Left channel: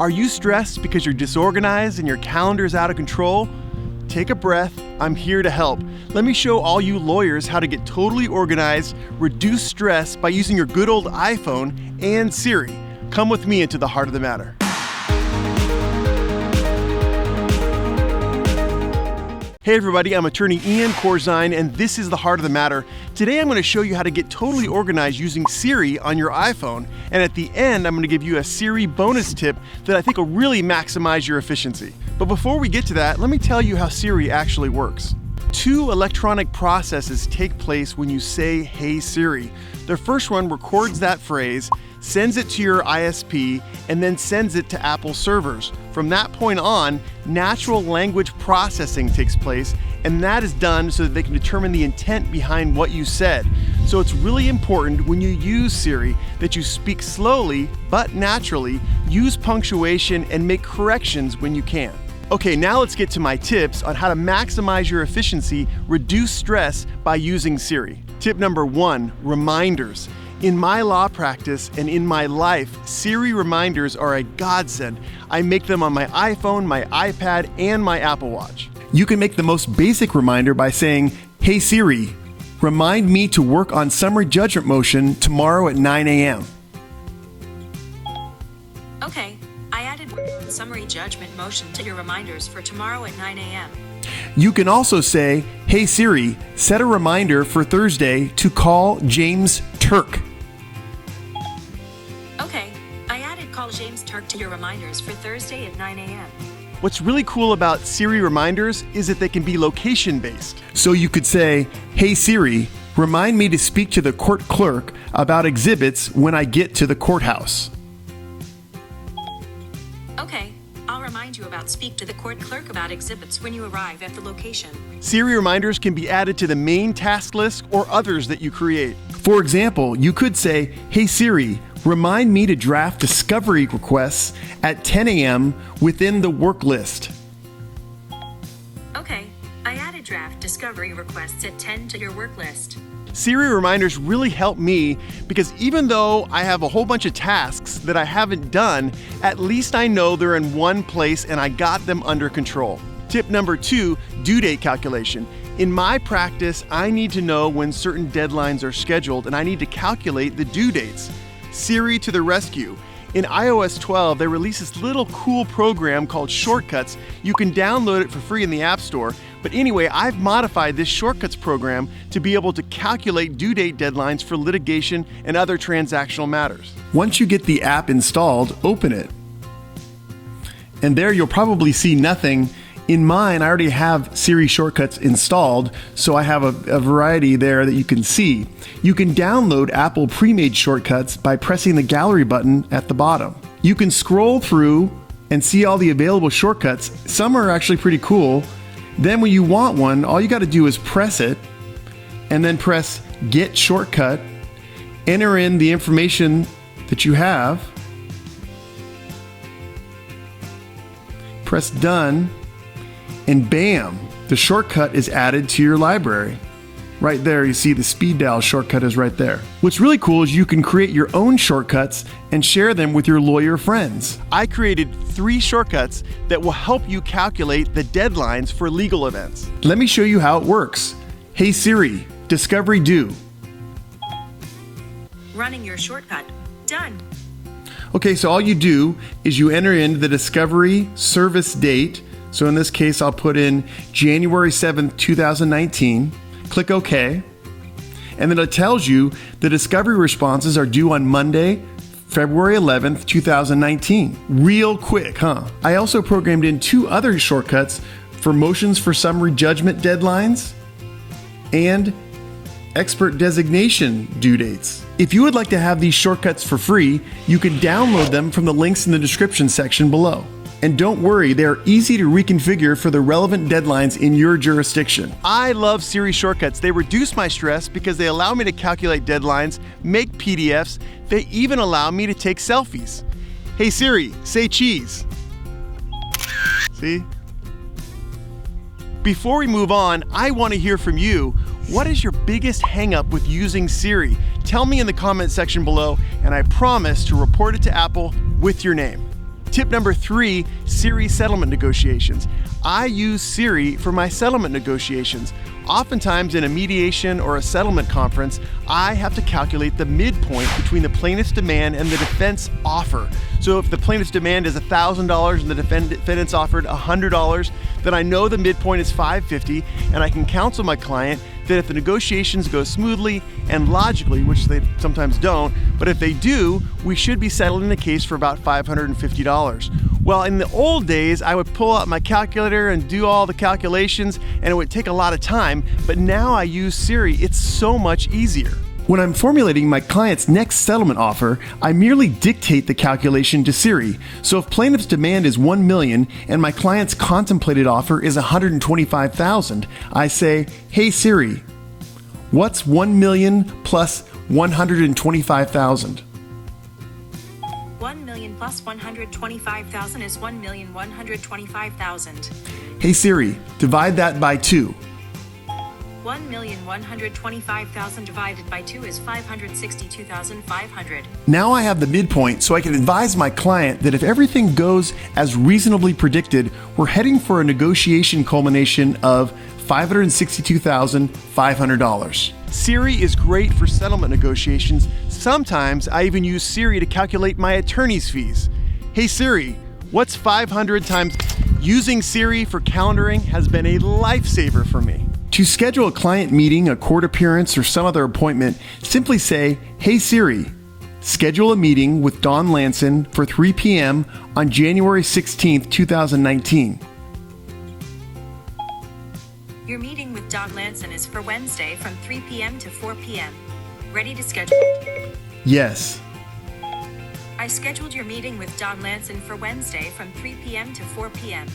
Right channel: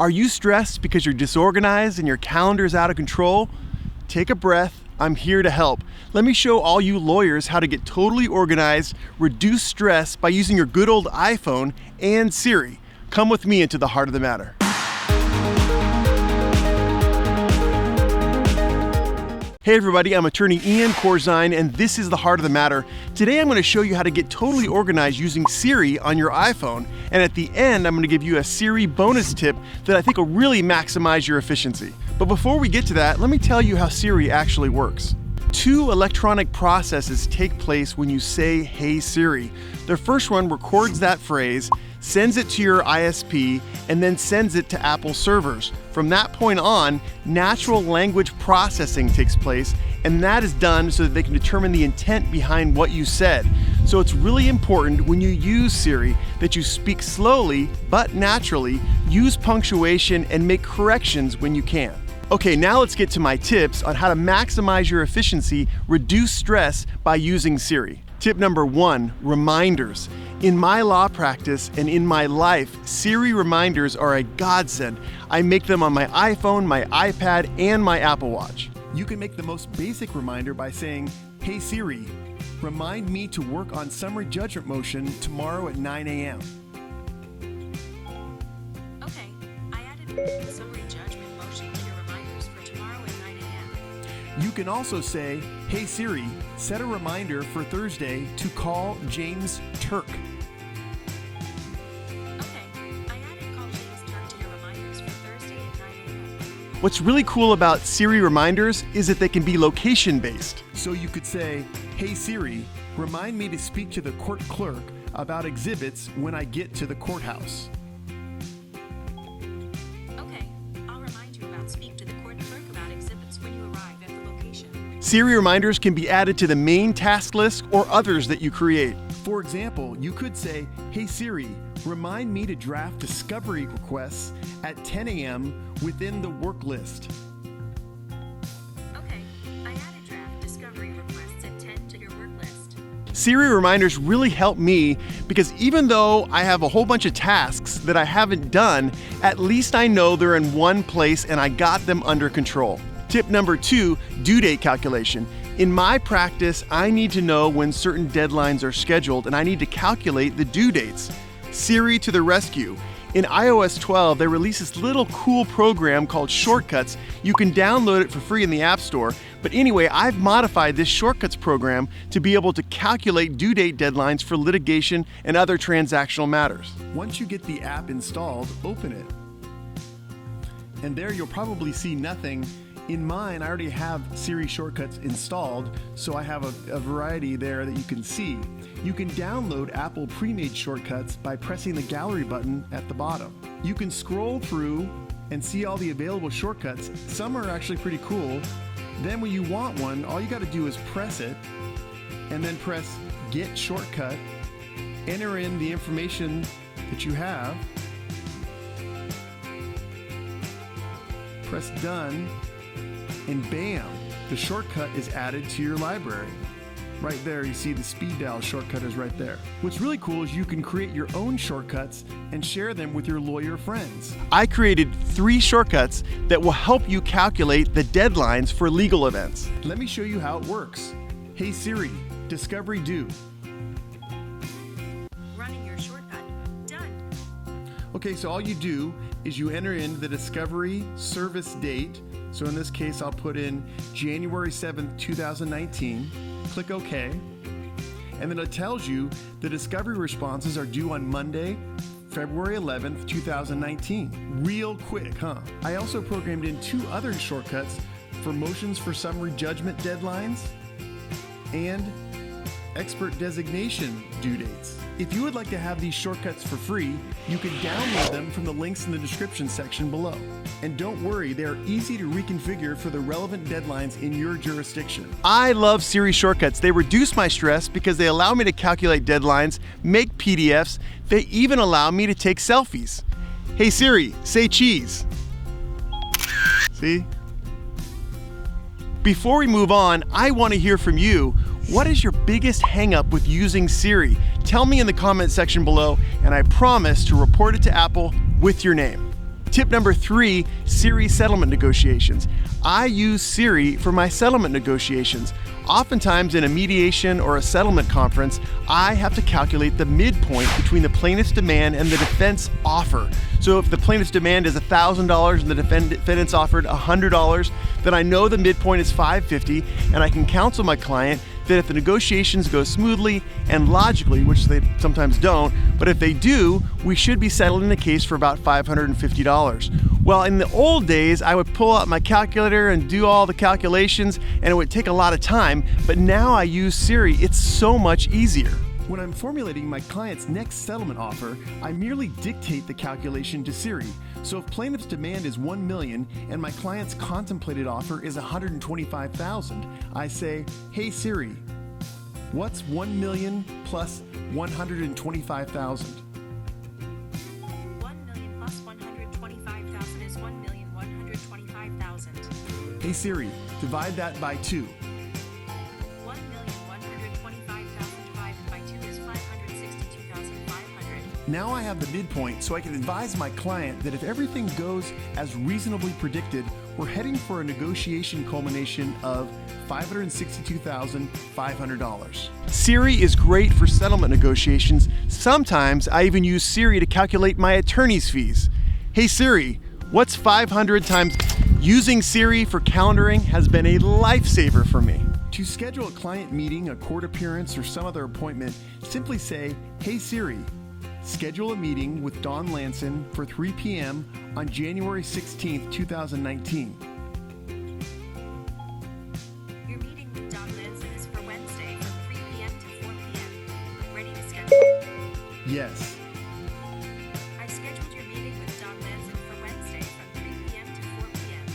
Are you stressed because you're disorganized and your calendar is out of control? Take a breath. I'm here to help. Let me show all you lawyers how to get totally organized, reduce stress by using your good old iPhone and Siri. Come with me into the heart of the matter. Hey everybody, I'm attorney Ian Corzine, and this is the Heart of the Matter. Today I'm going to show you how to get totally organized using Siri on your iPhone, and at the end I'm going to give you a Siri bonus tip that I think will really maximize your efficiency. But before we get to that, let me tell you how Siri actually works. Two electronic processes take place when you say, "Hey Siri." The first one records that phrase, sends it to your ISP, and then sends it to Apple servers. From that point on, natural language processing takes place, and that is done so that they can determine the intent behind what you said. So it's really important when you use Siri that you speak slowly but naturally, use punctuation, and make corrections when you can. Okay, now let's get to my tips on how to maximize your efficiency, reduce stress by using Siri. Tip number 1, reminders. In my law practice and in my life, Siri reminders are a godsend. I make them on my iPhone, my iPad, and my Apple Watch. You can make the most basic reminder by saying, "Hey Siri, remind me to work on summary judgment motion tomorrow at 9 a.m. Okay, I added summary judgment motion to your reminders for tomorrow at 9 a.m. You can also say, "Hey Siri, set a reminder for Thursday to call James Turk." Okay, I added call James Turk to your reminders for Thursday at 9 a.m. What's really cool about Siri reminders is that they can be location-based. So you could say, "Hey Siri, remind me to speak to the court clerk about exhibits when I get to the courthouse." Okay, I'll remind you about speak to the court clerk about exhibits when you arrive at the location. Siri reminders can be added to the main task list or others that you create. For example, you could say, "Hey Siri, remind me to draft discovery requests at 10 a.m. within the work list." Okay, I added draft discovery requests at 10 to your work list. Siri reminders really help me because even though I have a whole bunch of tasks that I haven't done, at least I know they're in one place and I got them under control. Tip number 2, due date calculation. In my practice, I need to know when certain deadlines are scheduled and I need to calculate the due dates. Siri to the rescue. In iOS 12, they released this little cool program called Shortcuts. You can download it for free in the App Store. But anyway, I've modified this Shortcuts program to be able to calculate due date deadlines for litigation and other transactional matters. Once you get the app installed, open it. And there you'll probably see nothing. In mine, I already have Siri Shortcuts installed, so I have a variety there that you can see. You can download Apple pre-made shortcuts by pressing the gallery button at the bottom. You can scroll through and see all the available shortcuts. Some are actually pretty cool. Then when you want one, all you got to do is press it and then press Get Shortcut, enter in the information that you have, press Done, and bam, the shortcut is added to your library. Right there, you see the speed dial shortcut is right there. What's really cool is you can create your own shortcuts and share them with your lawyer friends. I created 3 shortcuts that will help you calculate the deadlines for legal events. Let me show you how it works. Hey Siri, discovery due. Running your shortcut. Done. Okay, so all you do is you enter in the discovery service date. So in this case, I'll put in January 7th, 2019. Click OK. And then it tells you the discovery responses are due on Monday, February 11th, 2019. Real quick, huh? I also programmed in 2 other shortcuts for motions for summary judgment deadlines and expert designation due dates. If you would like to have these shortcuts for free, you can download them from the links in the description section below. And don't worry, they are easy to reconfigure for the relevant deadlines in your jurisdiction. I love Siri shortcuts. They reduce my stress because they allow me to calculate deadlines, make PDFs. They even allow me to take selfies. Hey Siri, say cheese. See? Before we move on, I want to hear from you. What is your biggest hang-up with using Siri? Tell me in the comment section below, and I promise to report it to Apple with your name. Tip number 3, SIRI settlement negotiations. I use SIRI for my settlement negotiations. Oftentimes in a mediation or a settlement conference, I have to calculate the midpoint between the plaintiff's demand and the defense offer. So if the plaintiff's demand is $1,000 and the defendant's offered $100, then I know the midpoint is $550, and I can counsel my client that if the negotiations go smoothly and logically, which they sometimes don't, but if they do, we should be settling the case for about $550. Well, in the old days, I would pull out my calculator and do all the calculations, and it would take a lot of time, but now I use SIRI. It's so much easier. When I'm formulating my client's next settlement offer, I merely dictate the calculation to SIRI. So if plaintiff's demand is $1 million and my client's contemplated offer is $125,000, I say, "Hey Siri, what's $1 million plus $125,000? 1 million plus 125,000 is 1,125,000. Hey Siri, divide that by 2. 1,125,000 divided by 2 is 562,500. Now I have the midpoint, so I can advise my client that if everything goes as reasonably predicted, we're heading for a negotiation culmination of $562,500. SIRI is great for settlement negotiations. Sometimes I even use SIRI to calculate my attorney's fees. Hey Siri, what's 500 times? Using SIRI for calendaring has been a lifesaver for me. To schedule a client meeting, a court appearance, or some other appointment, simply say, "Hey Siri, schedule a meeting with Don Lanson for 3 p.m. on January 16th, 2019. Your meeting with Don Lanson is for Wednesday from 3 p.m. to 4 p.m. Ready to schedule? Yes. I scheduled your meeting with Don Lanson for Wednesday from 3 p.m. to 4 p.m.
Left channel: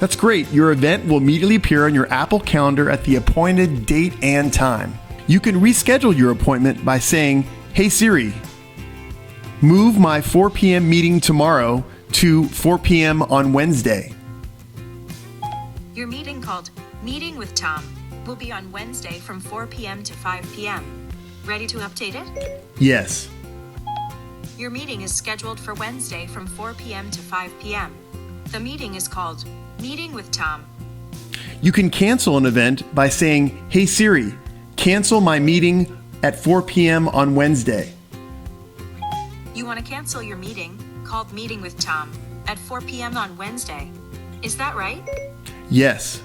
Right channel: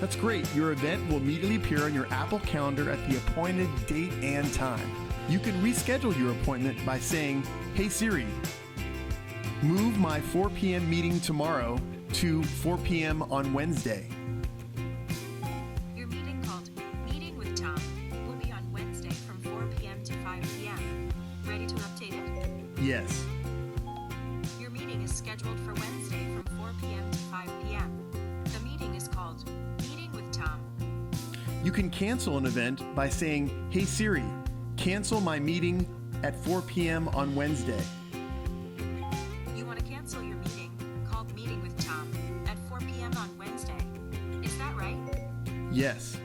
That's great. Your event will immediately appear on your Apple Calendar at the appointed date and time. You can reschedule your appointment by saying, "Hey Siri, move my 4 p.m. meeting tomorrow to 4 p.m. on Wednesday." Your meeting called Meeting with Tom will be on Wednesday from 4 p.m. to 5 p.m. Ready to update it? Yes. Your meeting is scheduled for Wednesday from 4 p.m. to 5 p.m. The meeting is called Meeting with Tom. You can cancel an event by saying, "Hey Siri, cancel my meeting at 4 p.m. on Wednesday." You want to cancel your meeting called Meeting with Tom at 4 p.m. on Wednesday. Is that right? Yes.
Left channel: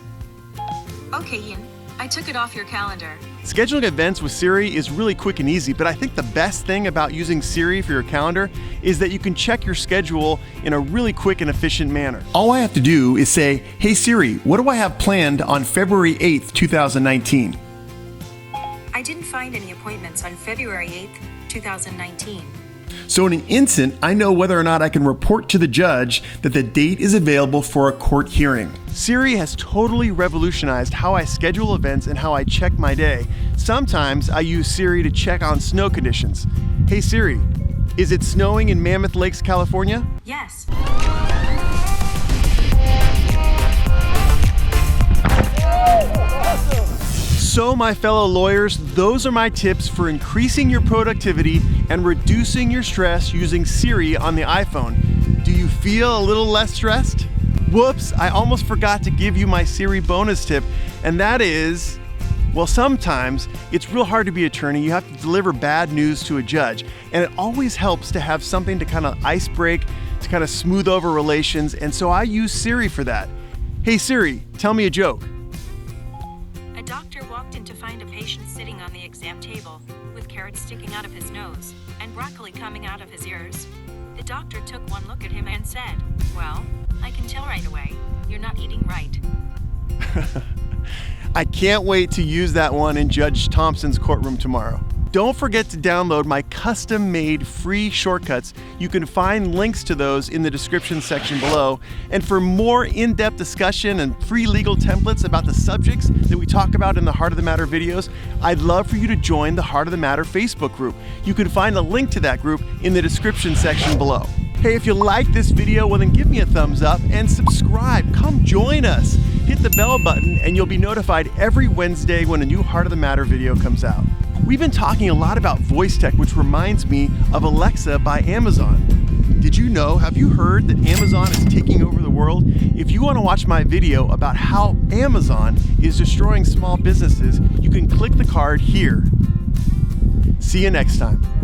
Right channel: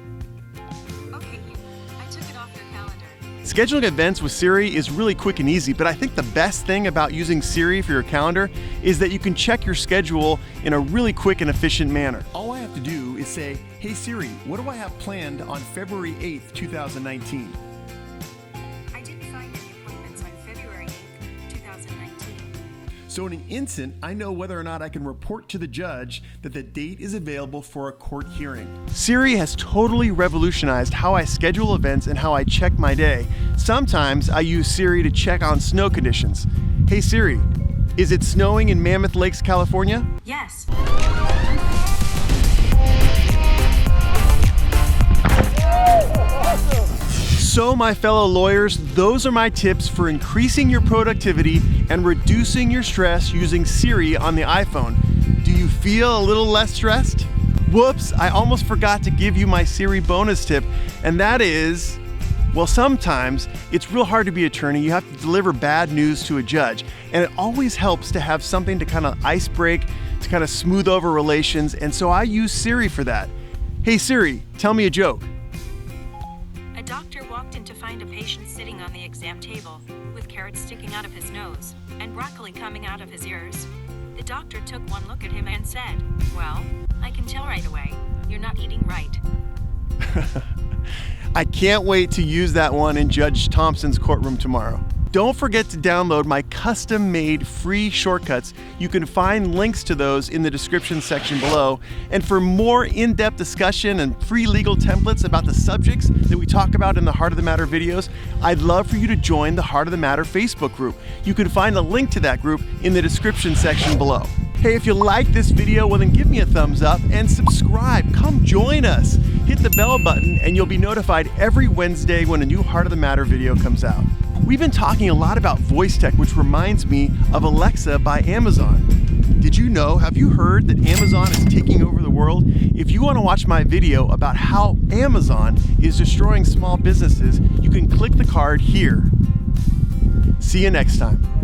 Okay, Ian. I took it off your calendar. Scheduling events with SIRI is really quick and easy, but I think the best thing about using SIRI for your calendar is that you can check your schedule in a really quick and efficient manner. All I have to do is say, "Hey Siri, what do I have planned on February 8th, 2019? I didn't find any appointments on February 8th, 2019. So in an instant, I know whether or not I can report to the judge that the date is available for a court hearing. SIRI has totally revolutionized how I schedule events and how I check my day. Sometimes I use SIRI to check on snow conditions. Hey Siri, is it snowing in Mammoth Lakes, California? Yes. So my fellow lawyers, those are my tips for increasing your productivity and reducing your stress using SIRI on the iPhone. Do you feel a little less stressed? Whoops, I almost forgot to give you my SIRI bonus tip, and that is, well, sometimes it's real hard to be an attorney. You have to deliver bad news to a judge, and it always helps to have something to kind of ice break, to kind of smooth over relations, and so I use SIRI for that. Hey Siri, tell me a joke. A doctor walked in to find a patient sitting on the exam table with carrots sticking out of his nose and broccoli coming out of his ears. The doctor took one look at him and said, "Well, I can tell right away, you're not eating right." I can't wait to use that one in Judge Thompson's courtroom tomorrow. Don't forget to download my custom-made free shortcuts. You can find links to those in the description section below. And for more in-depth discussion and free legal templates about the subjects that we talk about in the Heart of the Matter videos, I'd love for you to join the Heart of the Matter Facebook group. You can find a link to that group in the description section below. Hey, if you like this video, well then give me a thumbs up and subscribe. Come join us. Hit the bell button and you'll be notified every Wednesday when a new Heart of the Matter video comes out. We've been talking a lot about voice tech, which reminds me of Alexa by Amazon. Did you know, have you heard that Amazon is taking over the world? If you want to watch my video about how Amazon is destroying small businesses, you can click the card here. See you next time.